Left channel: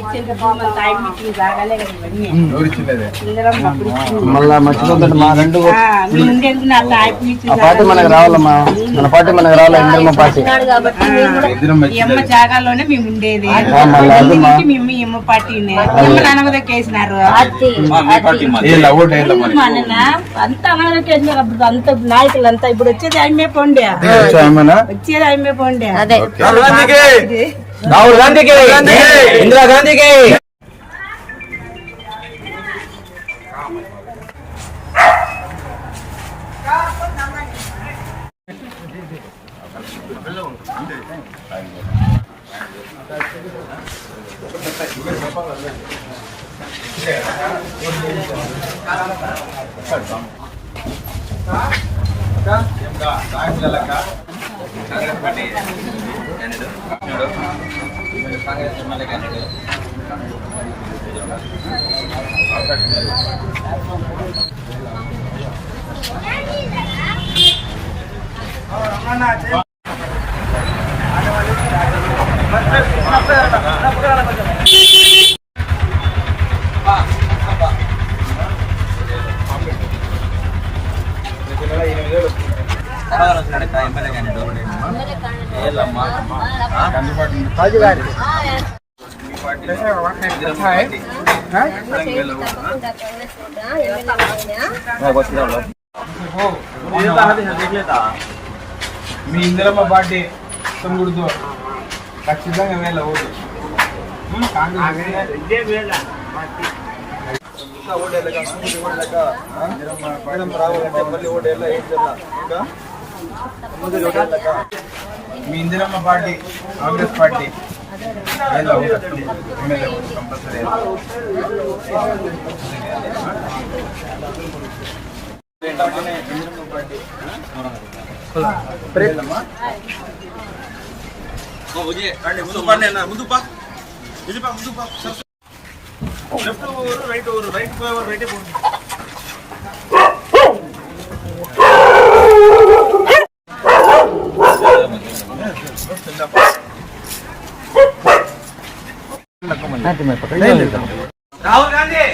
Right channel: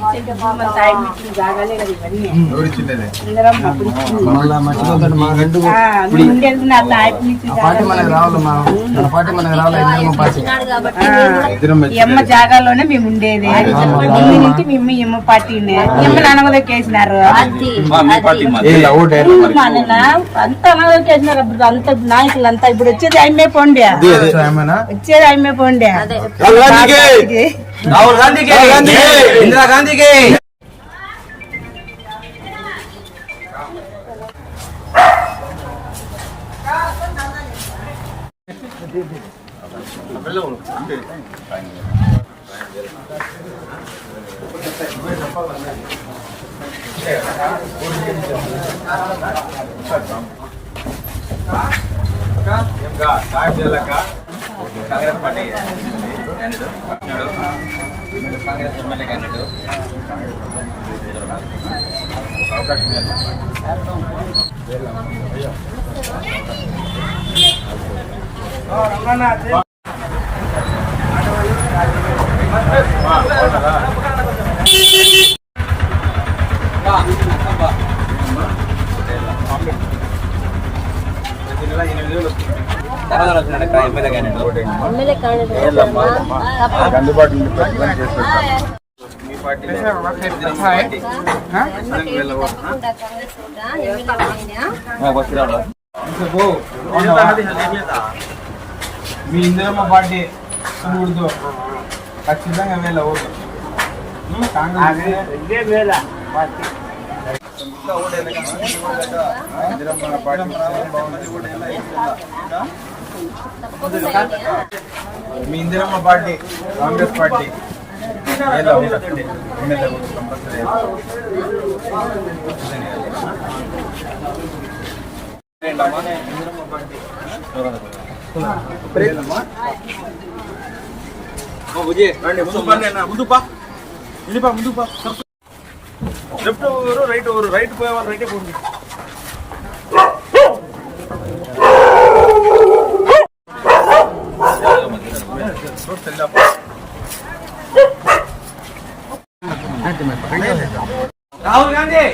ఇచ్చేది మన సాయి మీటింగ్ జాగాలే కదా ఇవన్నీ. ఉండేది నా సాయి మీటింగ్ ఎమ్మ జాగాలోనే మేము ఉండేది. నుంచి మేము ఎమ్మ పార్టీని ఎమ్మ అనగదొక్కేసినారు. అంత అనగదొక్కేసినారు. అప్పుడు అంత నాయకులు అంతా ఇప్పుడు వచ్చేది అమ్మే పోండి, వచ్చేది అమ్మే పోండి. రాహుల్ గాంధీకి, ఇందిరా గాంధీకి. Congress party Congress MLA candidate అవకాశం ఎమ్మెల్యే మీ ఇందిరమ్మ పార్టీ తమ్ముడుతో ఖచ్చితంగా వెళ్ళవద్దు. మీ Indiramma party Congress party compulsory. ముందు పా ముందు పా లెఫ్ట్ పోరు రైట్ పోరు రైట్ పోయేవారు రైటే పోండి. రాహుల్ గాంధీ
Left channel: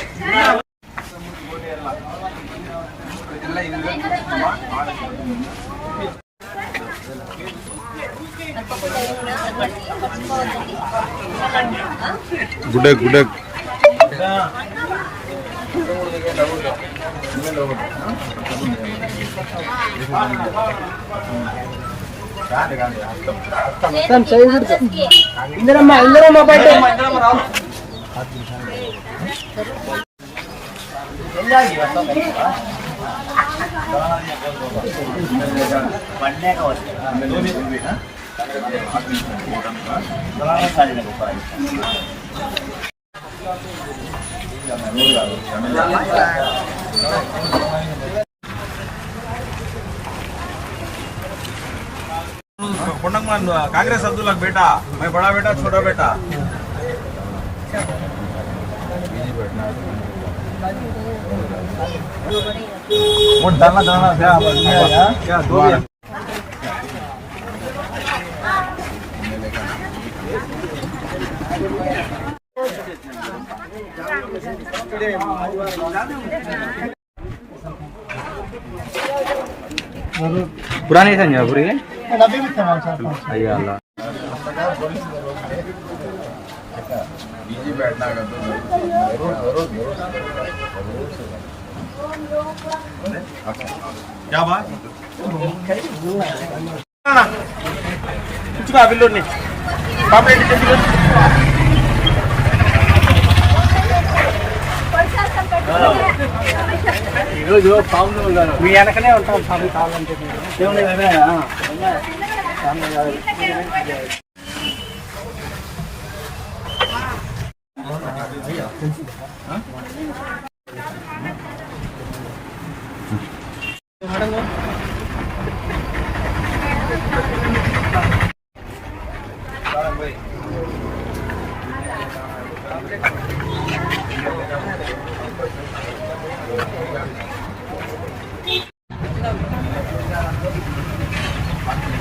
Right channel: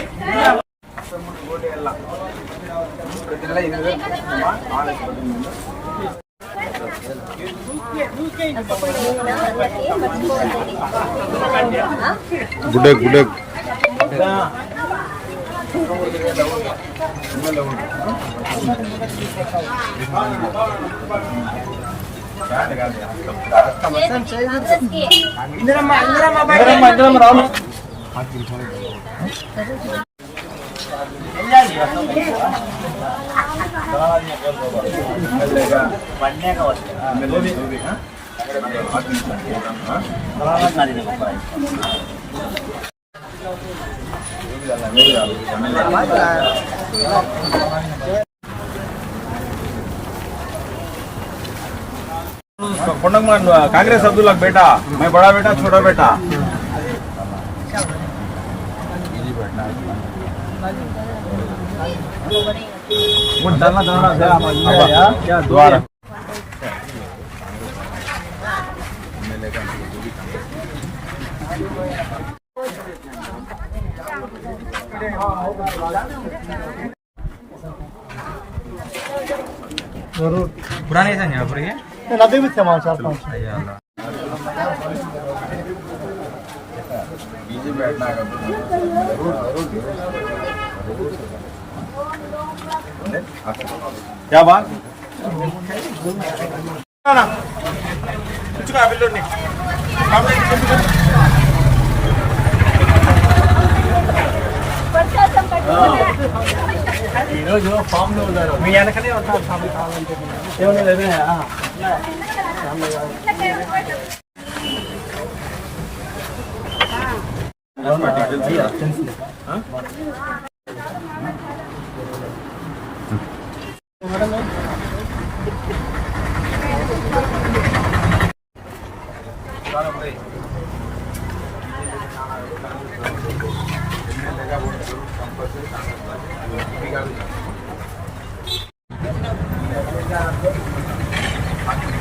గుడ్ గుడ్ कांग्रेस अब्दुल्ला बेटा मैं बड़ा बेटा छोटा बेटा वो दाना दाना से क्या दो पुरानी है ना पूरी नदी में सामान चाहता हूं अल्लाह बीजी बैठना है तो जरूर जरूर जरूर अच्छा क्या बात ना कुछ का बिल्डर नहीं सामने जल्दी कर ఈరోజు ఫామ్ మీ వెనకనే ఉంటాం ఏమన్నా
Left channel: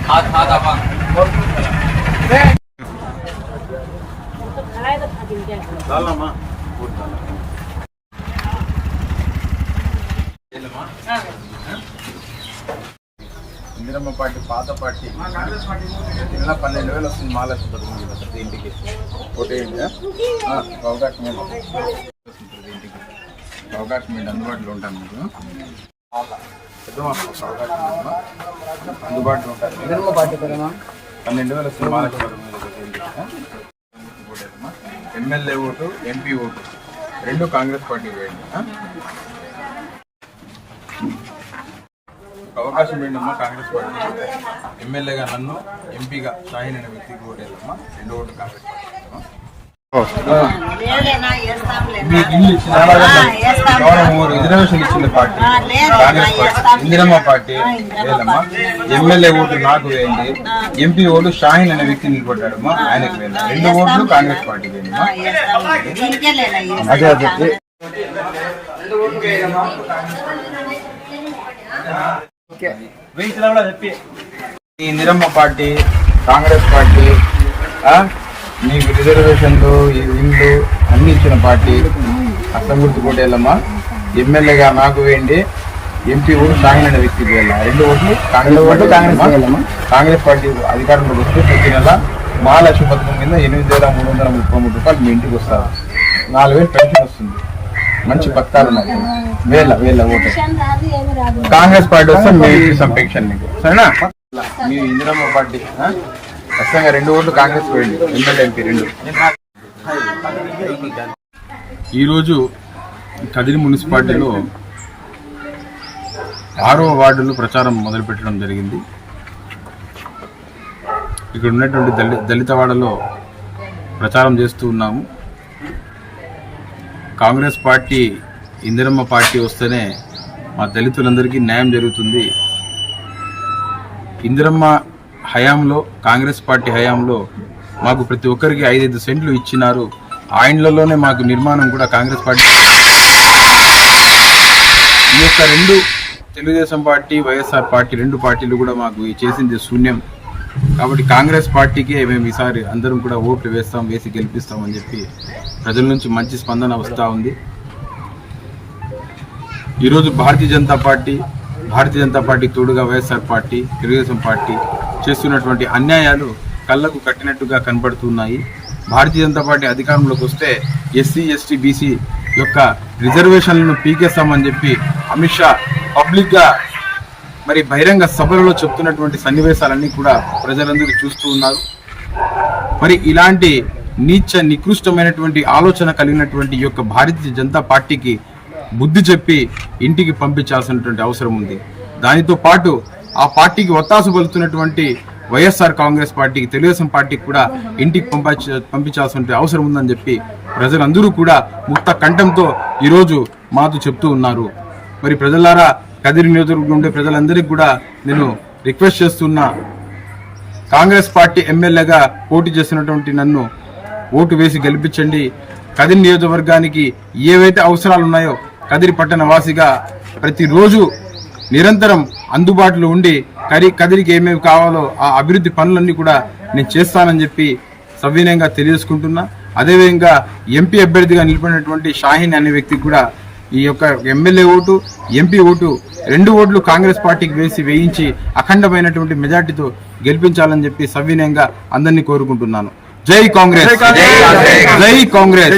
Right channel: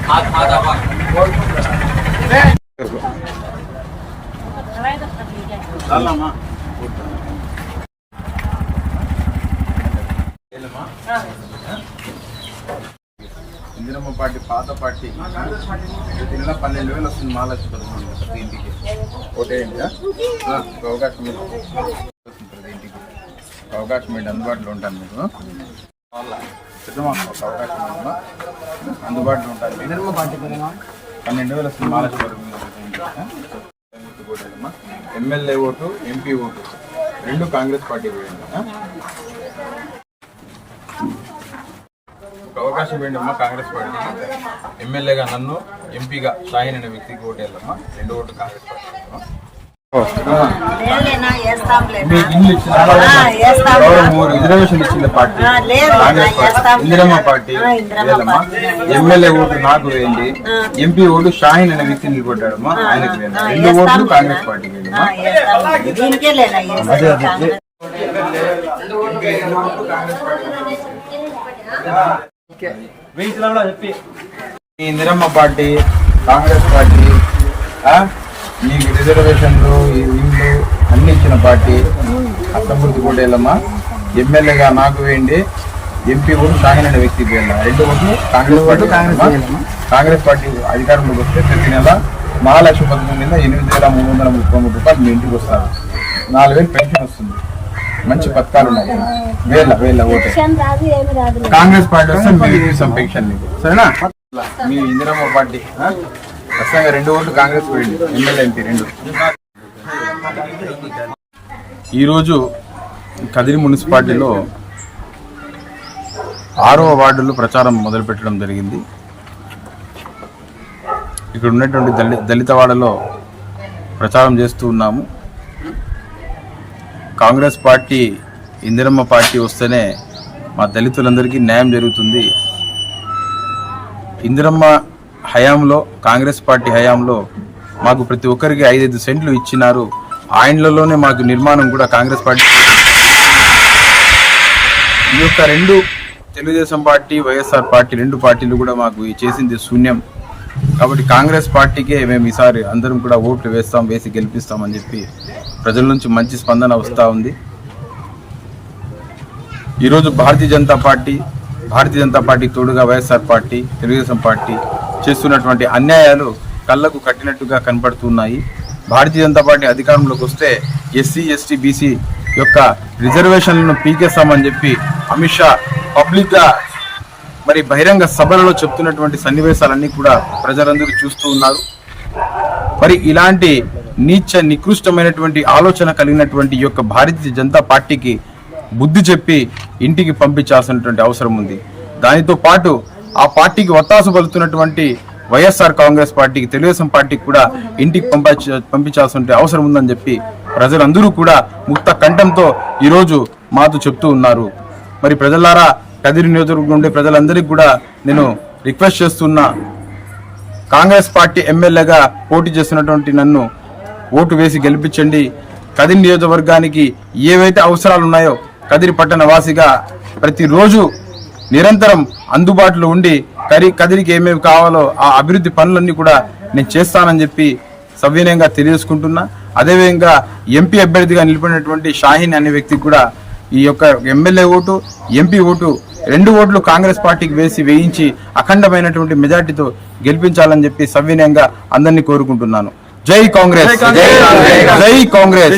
हाथ हाथ आवा చాలమ్మా. ఇందిరమ్మ పార్టీ పాత పార్టీ ప్రతి నెల 12,000 వస్తుంది. మహాలక్ష్మి పడుతుంది ప్రతి ఇంటికి. ఓటేయండి. అవకాశం ప్రతి ఇంటికి అవకాశం ఏంటి, అందుబాటులో ఉంటాను మీకు. పెద్దమ్మ అవకాశం ఉందమ్మా, అందుబాటులో ఉంటాను. 12,000 వస్తుంది మహాలక్ష్మి పడుతుంది ప్రతి ఇంటికి. ఓటేదమ్మా. ఎమ్మెల్యే ఓటు, ఎంపీ ఓటు రెండు కాంగ్రెస్ పార్టీ వేయండి. ఒక అవకాశం ఏంటమ్మా కాంగ్రెస్ పార్టీ. ఎమ్మెల్యేగా నన్ను, ఎంపీగా షాహీన్ అనే వ్యక్తికి ఓటేయాలమ్మా. రెండు ఓటు కాంగ్రెస్ పార్టీ. మీకు ఇల్లు ఇచ్చిన రిజర్వేషన్ ఇచ్చిన party Congress party. Indiramma party వేయాలమ్మా. ఎమ్మెల్యే ఓటు నాకు వేయండి, ఎంపీ ఓటు షాహీన్ అనే వ్యక్తి నిలబడ్డాడమ్మా, ఆయనకి వేయండి. రెండు ఓట్లు కాంగ్రెస్ పార్టీ వేయండిమ్మా. ఇందిరమ్మ పార్టీ, కాంగ్రెస్ పార్టీ మీకు రిజర్వేషన్లు, ఈ ఇండ్లు అన్ని ఇచ్చిన పార్టీ. అర్థం గుర్తు కోటేళ్ళమ్మా. ఎమ్మెల్యేగా నాకు వేయండి, ఎంపీ ఓటు షాహీన్ అనే వ్యక్తికి వేయాలి. రెండు ఓట్లు కాంగ్రెస్ పార్టీ. కాంగ్రెస్ పార్టీ అధికారంలోకి వస్తే ప్రతి నెల మహాలక్ష్మి పథకం కింద 8,333 రూపాయలు మీ ఇంటికి వస్తారు. 4,000 పెన్షన్ వస్తుంది. మంచి పథకాలు ఉన్నాయి. వేల ఓటే కాంగ్రెస్ పార్టీ వస్తే మేము ఇస్తాం పెన్షన్ నీకు, సరేనా? మీ ఇందిరమ్మ పార్టీ ఖచ్చితంగా రెండు ఓట్లు కాంగ్రెస్ పోయింది, ఎమ్మెల్యే ఎంపీ రెండు. ఈరోజు కదిరి మున్సిపాలిటీలో 6వ వార్డులో ప్రచారం మొదలుపెట్టడం జరిగింది. ఇక్కడ ఉన్నటువంటి దళితవాడలో ప్రచారం చేస్తూ ఉన్నాము. కాంగ్రెస్ పార్టీ, ఇందిరమ్మ పార్టీ వస్తేనే మా దళితులందరికీ న్యాయం జరుగుతుంది. ఇందిరమ్మ హయాంలో, కాంగ్రెస్ పార్టీ హయాంలో మాకు ప్రతి ఒక్కరికి 5-5 సెంట్లు ఇచ్చినారు. ఆ ఇండ్లలోనే మాకు నిర్మాణం కూడా కాంగ్రెస్ పార్టీ. ఈ యొక్క రెండు తెలుగుదేశం పార్టీ, వైఎస్ఆర్ పార్టీ రెండు పార్టీలు కూడా మాకు చేసింది శూన్యం. కాబట్టి కాంగ్రెస్ పార్టీకే మేము ఈసారి అందరం కూడా ఓట్లు వేసి గెలిపిస్తామని చెప్పి ప్రజల నుంచి మంచి స్పందన వస్తూ ఉంది. ఈరోజు భారతీయ జనతా పార్టీ తోడుగా వైఎస్ఆర్ పార్టీ, తెలుగుదేశం పార్టీ చేస్తున్నటువంటి అన్యాయాలు కళ్ళకు కట్టినట్టుగా కనబడుతున్నాయి. భారతీయ జనతా పార్టీ అధికారంలోకి వస్తే ఎస్సీ, ఎస్టీ, బీసీ యొక్క రిజర్వేషన్లను పీకేస్తామని చెప్పి అమిత్ షా పబ్లిక్గా మరి బహిరంగ సభలలో చెప్తున్నటువంటి సన్నివేశాలన్నీ కూడా ప్రజలందరూ చూస్తూ ఉన్నారు. మరి ఇలాంటి నికృష్టమైనటువంటి ఆలోచన కలిగినటువంటి ఈ యొక్క భారతీయ జనతా పార్టీకి బుద్ధి చెప్పి ఇంటికి పంపించాల్సినటువంటి అవసరం ఉంది. దానితో పాటు ఆ పార్టీకి ఒత్తాసు పలుతున్నటువంటి వైఎస్ఆర్ కాంగ్రెస్ పార్టీకి, తెలుగుదేశం పార్టీకి కూడా ఇంటికి పంపించాల్సిన అవసరం ఉందని చెప్పి ప్రజలందరూ కూడా ముక్త కంఠంతో ఈరోజు మాతో చెప్తూ ఉన్నారు. మరి ప్రజలారా, కదిరి నియోజకవర్గం ఉండే ప్రజలందరికీ కూడా నేను రిక్వెస్ట్ చేస్తున్నా, కాంగ్రెస్ పార్టీ ఎమ్మెల్యేగా పోటీ చేస్తున్నటువంటి నన్ను ఓటు వేసి గెలిపించండి. కదిరి నియోజకవర్గానికి ఏవైతే అవసరాలు ఉన్నాయో కదిరి పట్టణ వాసిగా ప్రతిరోజు నిరంతరం అందుబాటులో ఉండి కదిరికి ఏమేమి కావాలో ఆ అభివృద్ధి పనులన్నీ కూడా నేను చేస్తానని చెప్పి సవినయంగా తెలియజేసుకుంటున్నా. అదేవిధంగా ఎంపీ అభ్యర్థిగా నిలిపినటువంటి షాహీన్ అనే వ్యక్తికి కూడా ఈ యొక్క ఎమ్మెల్యే ఓటు, ఎంపీ ఓటు రెండు ఓట్లు కాంగ్రెస్ పార్టీకి వేయించి అఖండమైనటువంటి మెజార్టీతో గెలిపించాలని చెప్పి సవినయంగా అందరినీ కోరుకుంటున్నాను. జై కాంగ్రెస్, జై కాంగ్రెస్.